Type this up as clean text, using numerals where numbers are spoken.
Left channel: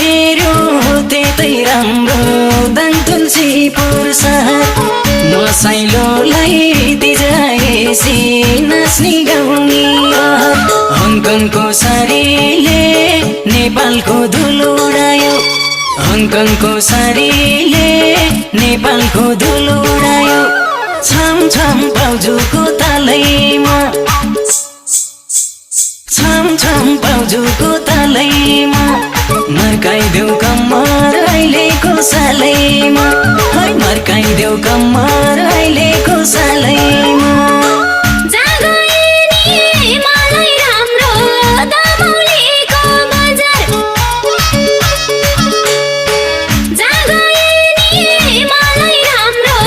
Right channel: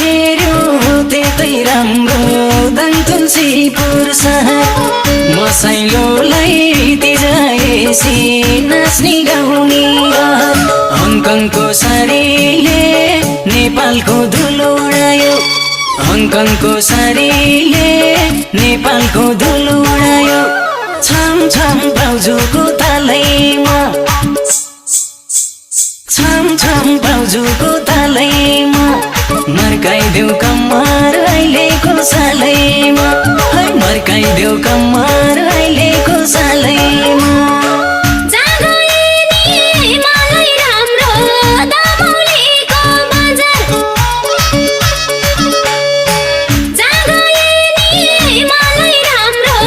हेर्यो त्यतै राम्रो दाङ तुलसीपुर सहर मसैलोलाई तिजाएसी नाच्ने गाउने हङकङको सारीले नेपालको धुलो उडायो हङकङको सारीले नेपालको धुलो उडायो छम छम बाउजूको तालैमा छम छम बाउजूको तालैमा मर्काइदेऊ कम्मर अहिलेको सालैमा मर्काइदेऊ कम्मर